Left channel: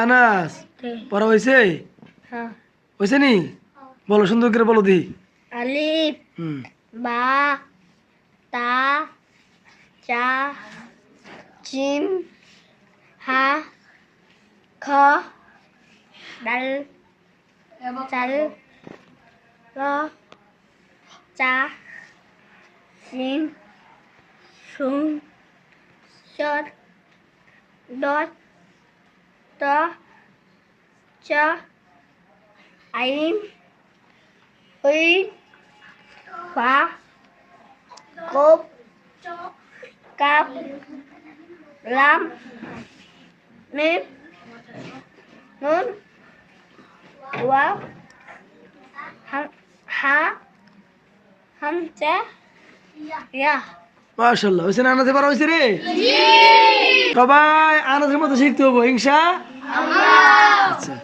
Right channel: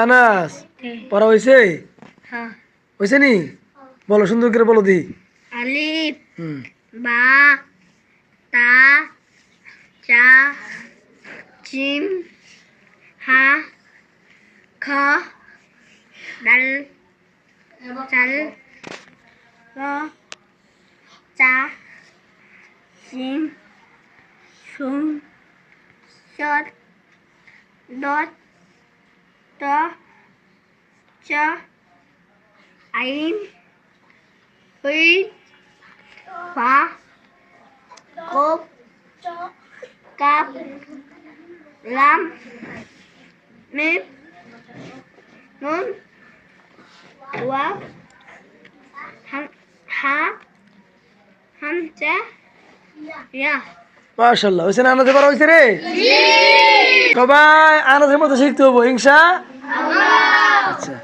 আনাস পড়া হয়েছে? হ্যাঁ। হয়েছে নি? বলো সুন্দর করে বলো দি। আলিফ হুম। বা তা চা জিম হা খ ডাল চাল র চা সিম সুম চট ডট ট চ আইন হই ফা কোপ কাপ লাম মিম নুন ওয়াও হা হামজা ইয়া। মাশাআল্লাহ, হয়েছে না? আনাজে পড়া হয়েছে রে? সবাই আনাজের মতো শিখতে হবো, ইনশাআল্লাহ। আচ্ছা।